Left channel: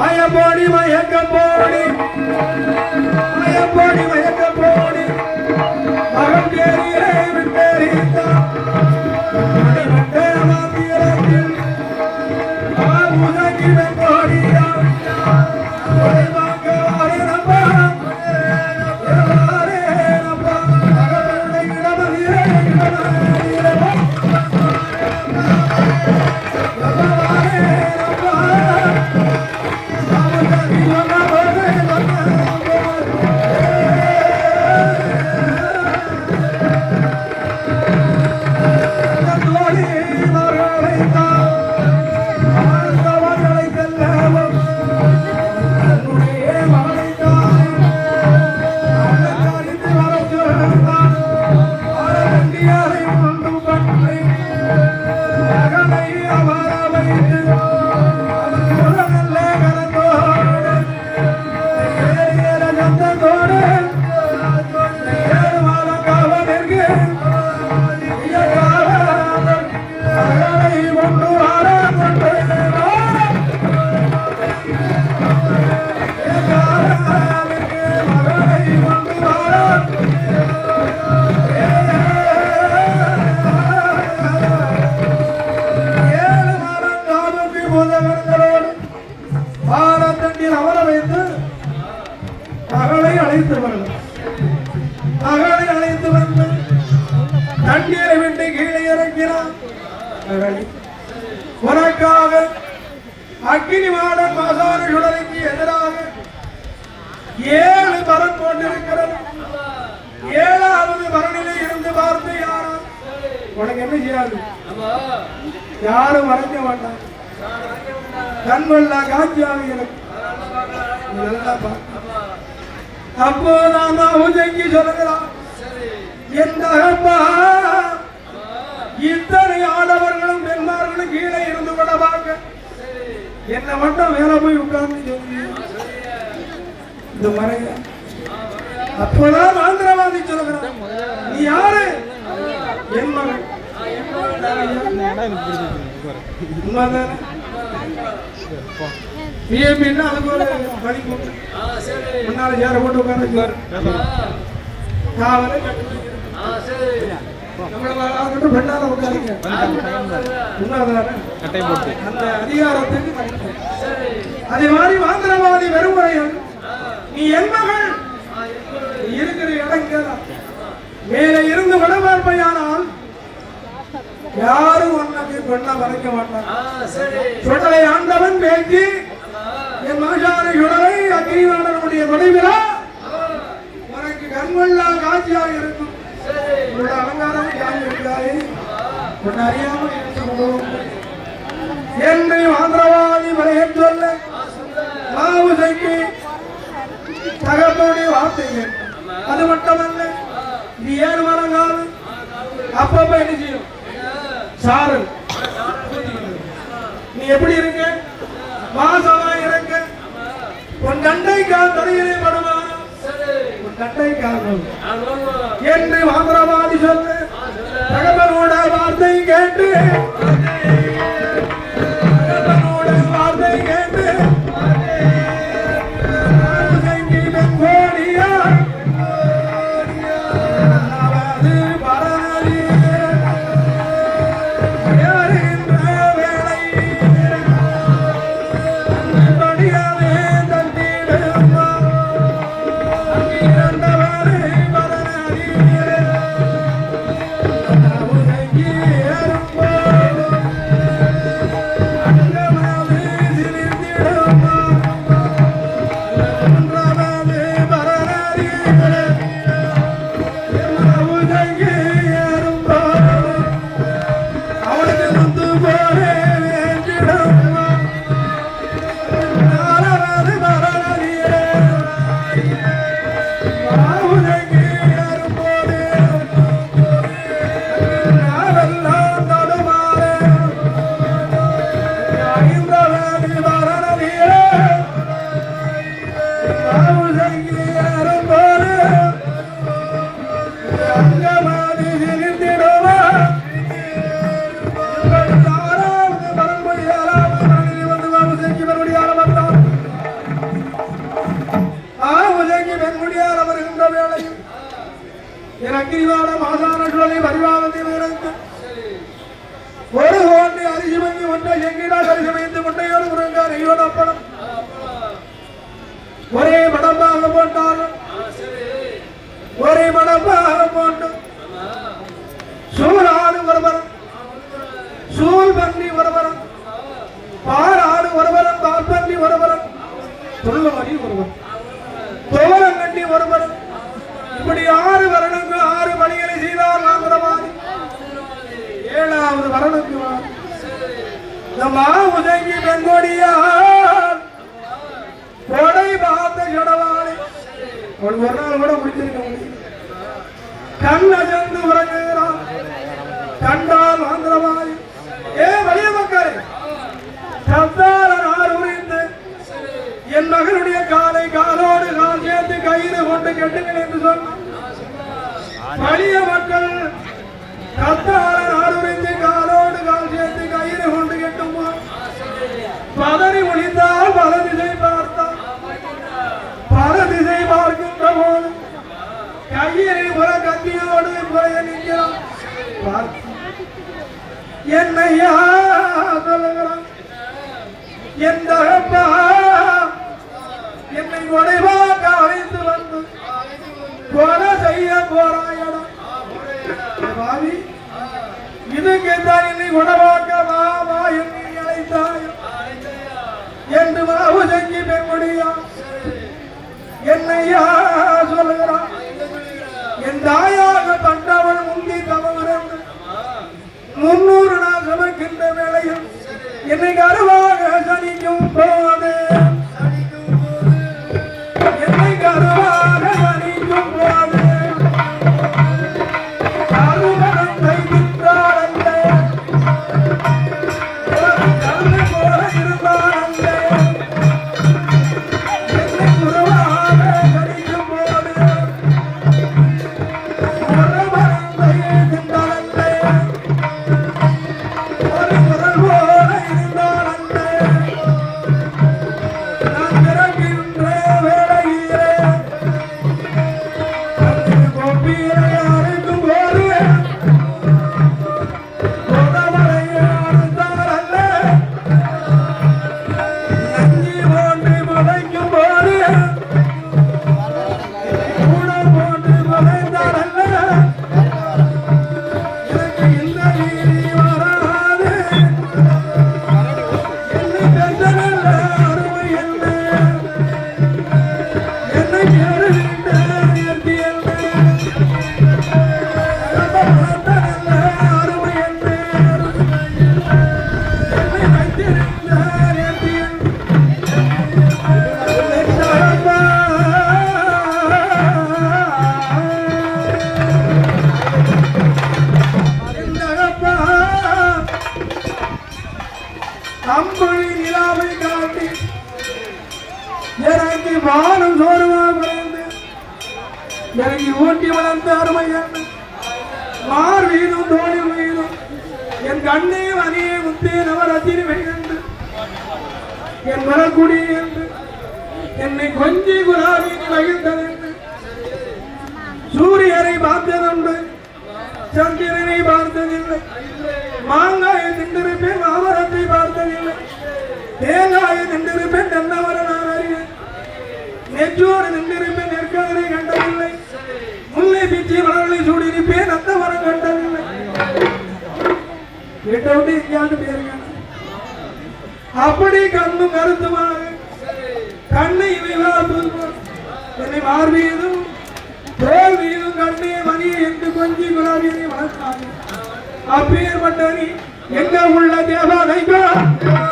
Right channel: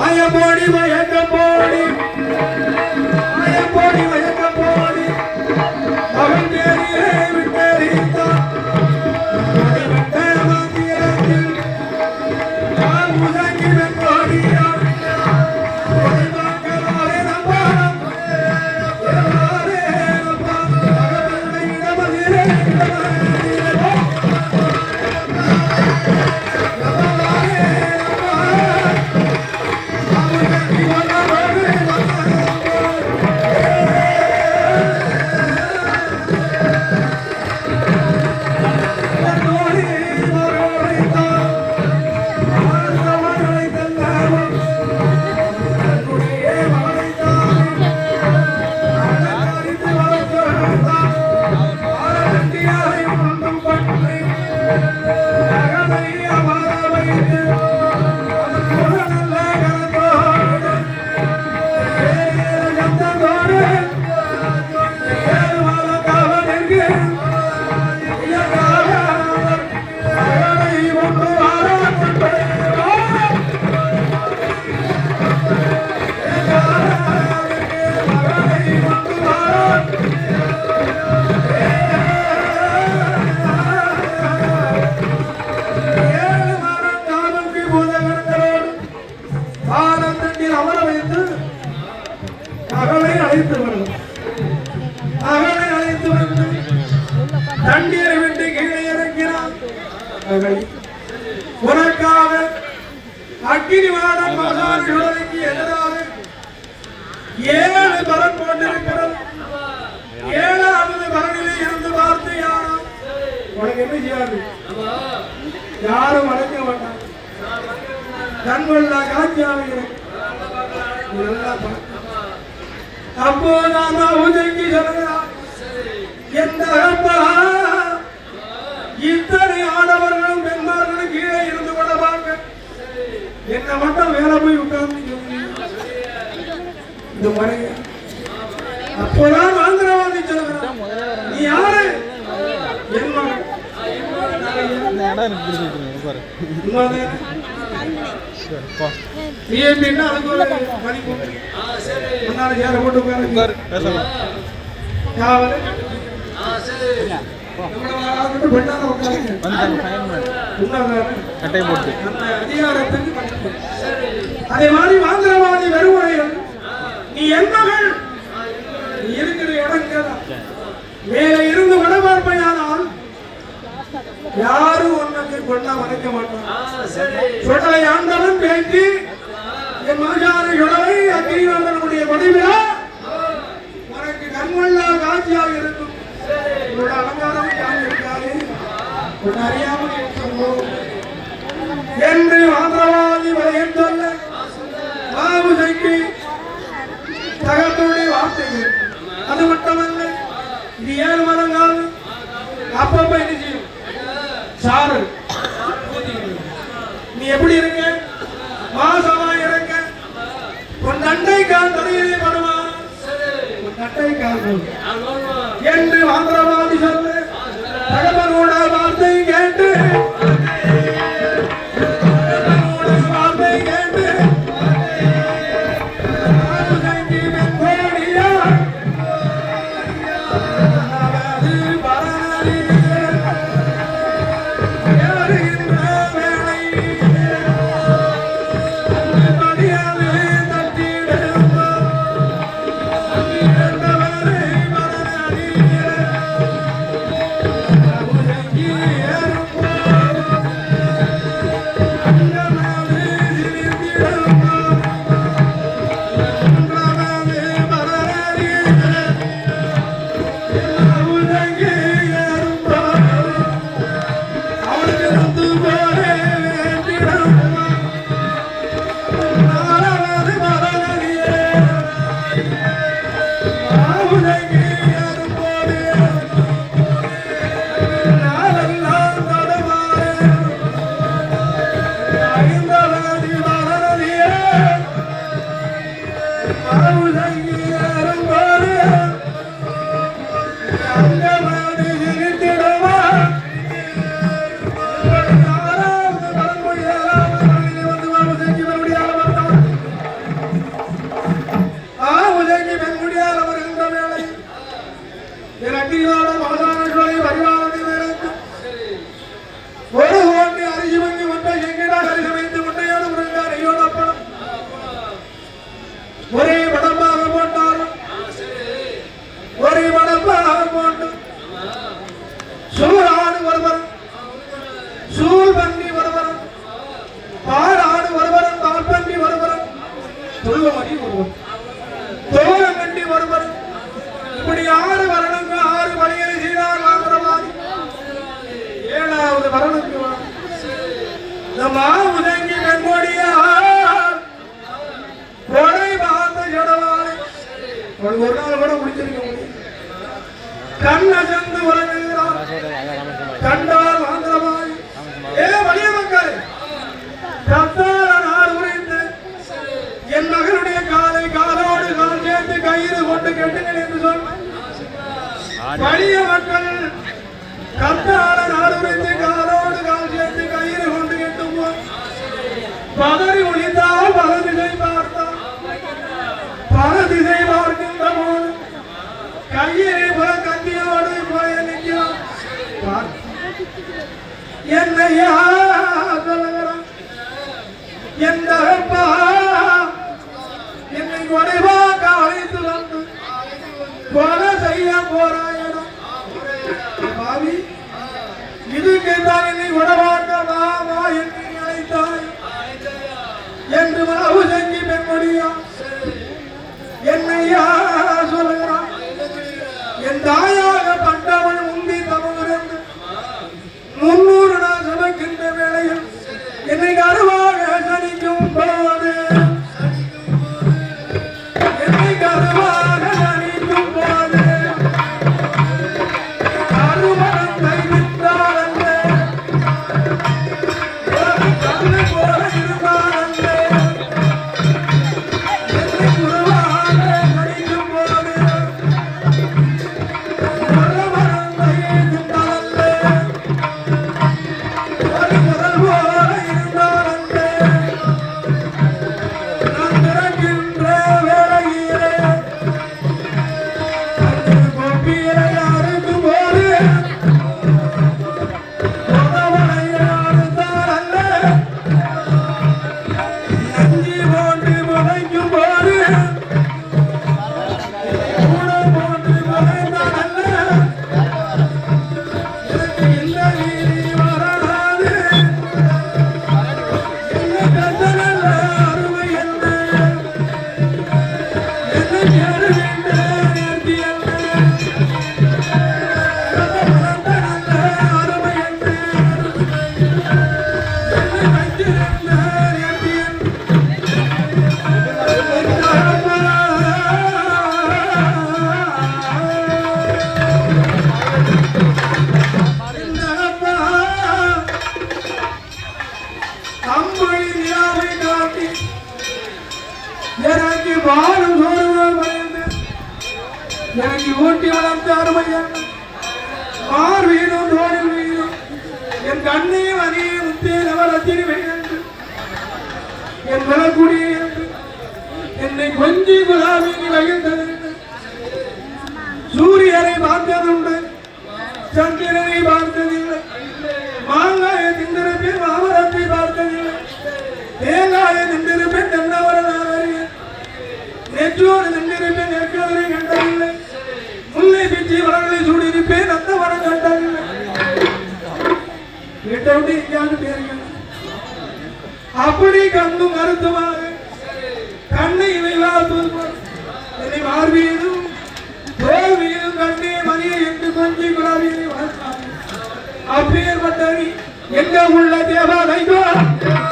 மயப்போடி மயக்க போடி மயப்போடி மயக்க போடி மகன் தேரியே விட்டேரித்தான் உனக்காக அக்கினிவாடன் மகானுக்கு எதிராக 7 மரம் போட்டிருக்கிறது. 7வது மரணிலே இருந்து வார்த்தையான உனக்கு என்ன செய்யாது, யாரும் மறைக்க வேண்டாம். கண்கொள்ள காட்சியாக அப்போதான் உதங்கி சொல்கிறார், எந்த இத்தனை ஆடவர்களும் பெண்மார்களும் கீழே இருந்து கொள்ளவாங்க, என்ன மட்டும் மேல போய் உட்கார்ந்து இந்த மறைய. அப்பதான் ஆந்திரவாதி சொல்கிறான், நீ யாரு? என் மகன். அதே மாதிரி வாந்திரவாதி வருவதையில் நீ என் மகள் இருக்கிற இடம் மேலே இருந்து வடமார்பையானால் யாரும் உனக்கு கொண்டா மறைக்க மாட்டான். சொடலை ஆண்டவன் பேசி என் மகானை சுடலை அக்னிவனுடைய கொடைவிழா உனக்கு கண்கொள்ளா காட்சியாக இருக்கும். அலங்காரம் யார் இருக்காரு அறியாமல் என்று ஆந்திரவாதி மலையன் சொல்ல மாவுசைக்கு தகப்பனுடைய வார்த்தைகள். அது மட்டுமல்ல, இது 7 மரங்கள் அப்பப்ப என்ன செய்யும் சாறு. நீ எப்படி இருக்க, மாசமா இருக்க, உன் தண்டை கால் தொடையிலே படுமா, உன் தண்டை கால் என்று ஆந்திரவாதி சொல்ல தகப்பனோட வார்த்தை கேட்டு ஸ்ரீவான மாதானஸ்வரி பரிவாரத்தில் இருந்து ஒரு கோட்டை அரிசி மங்கி முட்டை எங்கிடா கரிசி வைத்து முட்டையோடு முருங்க நெய்யோடு அப்பளம் ஒரே மடப்பாக போட்டாலும் ஒரே மடப்பாக போட்டு சூழாடு ஒருவர் சூழ் பன்றி ஒருவர் பாராடு ஒருவர் பால் பன்றி ஒருவர் தொழுவமணி ஒருவர் தோரங்கண்டி ஒருவர் இப்படி 6 வருடங்கள் 6 மணிகளை செய்தார் ஆந்திரவாதி 7வது வருடத்துக்கு உதங்கி வெங்கோடியா கொடை பார்த்த ஜடவாளி ஒரு நாள் கூட முடிச்சிருக்க முடியும் கண்ணசந்து உறங்குகிறார் கண்டால் ஆந்திரவாதி வலிய மக்கள் கத்தார நாள் உரிந்து என் மகனுடைய காலை காலோடு கால் சேர்த்து கயிறு கொண்டு கெட்டுங்கள் என்று சொல் வலிய மக்கள் கத்தார நாள் உரிந்து காலோடு கால் சேர்த்து கயிறு கொண்டு கெட்டும் பதறி ஒழிந்தால் பல திசை பார்த்தால் பல திசை பார்க்கின்ற போது கையினை புற கத்தியோடு போய நிற்கிறான் என்னையா சொல்லுகிறான் எந்த என்னை உடைவாக அழைத்து வந்து கொலை செய்ய போறாயன பாவி இதுக்கு தான் என்னை உடவாக்க வா என்னை அழைத்தாய் என்று மாவு செஞ்சு பெண்மொழியா என்னையா சொல்லுகிறான் என் தாயாக பட்டவள் உந்தி தவறு 300 நாள் சமைக்கின்ற வேளையில் என்னை கருவாக சனிக்கும் போது என்னை கருவாக சனிக்கும் போது அருவகம் கைவிட்டால் அல்ல கண்ணு போல இருந்தால் அல்ல என்னை குருவாக சனிக்கும் போது அருவகம் கைவிட்டால் எனக்கு ஊட்டி வளர்ந்த அருமையான மார் வீதம் தோழில் வீதம் என் கண்ணே வகையை முத்தே நவரத்தினி என்று என் மலக்குடி என்று என்னை கொஞ்சி குலாமி மகிழ்ந்தது சூரியனை பார்த்ததுண்டு சந்திரனை பார்த்ததில்லை மாங்காயை திண்டிருப்பேன் மாமரத்தை பார்த்ததில்லை தேங்காயை திண்டிருப்பேன் நல்லவரை நான் அறிவேன் நெற்றோடு நின்றிருப்பேன் நெற்கதனை கண்டதில்லை முல்லை பிச்சி வளர்களை சூடியிருப்பேன் அந்த வரம் கண்டதில்லை வீட்டை விட்டு எங்கேயாவது பேருங்க அப்படி கண்ணும் கருத்துமாக கண்ணை இவைகளால் என்னை மார்பீதும் தோல் மீதும் கண்ணே மணியை என்று கொஞ்சி குலாபியை வளர்த்தார்கள் அப்பேற்பட்ட எங்க உள்ள தேவாலயம்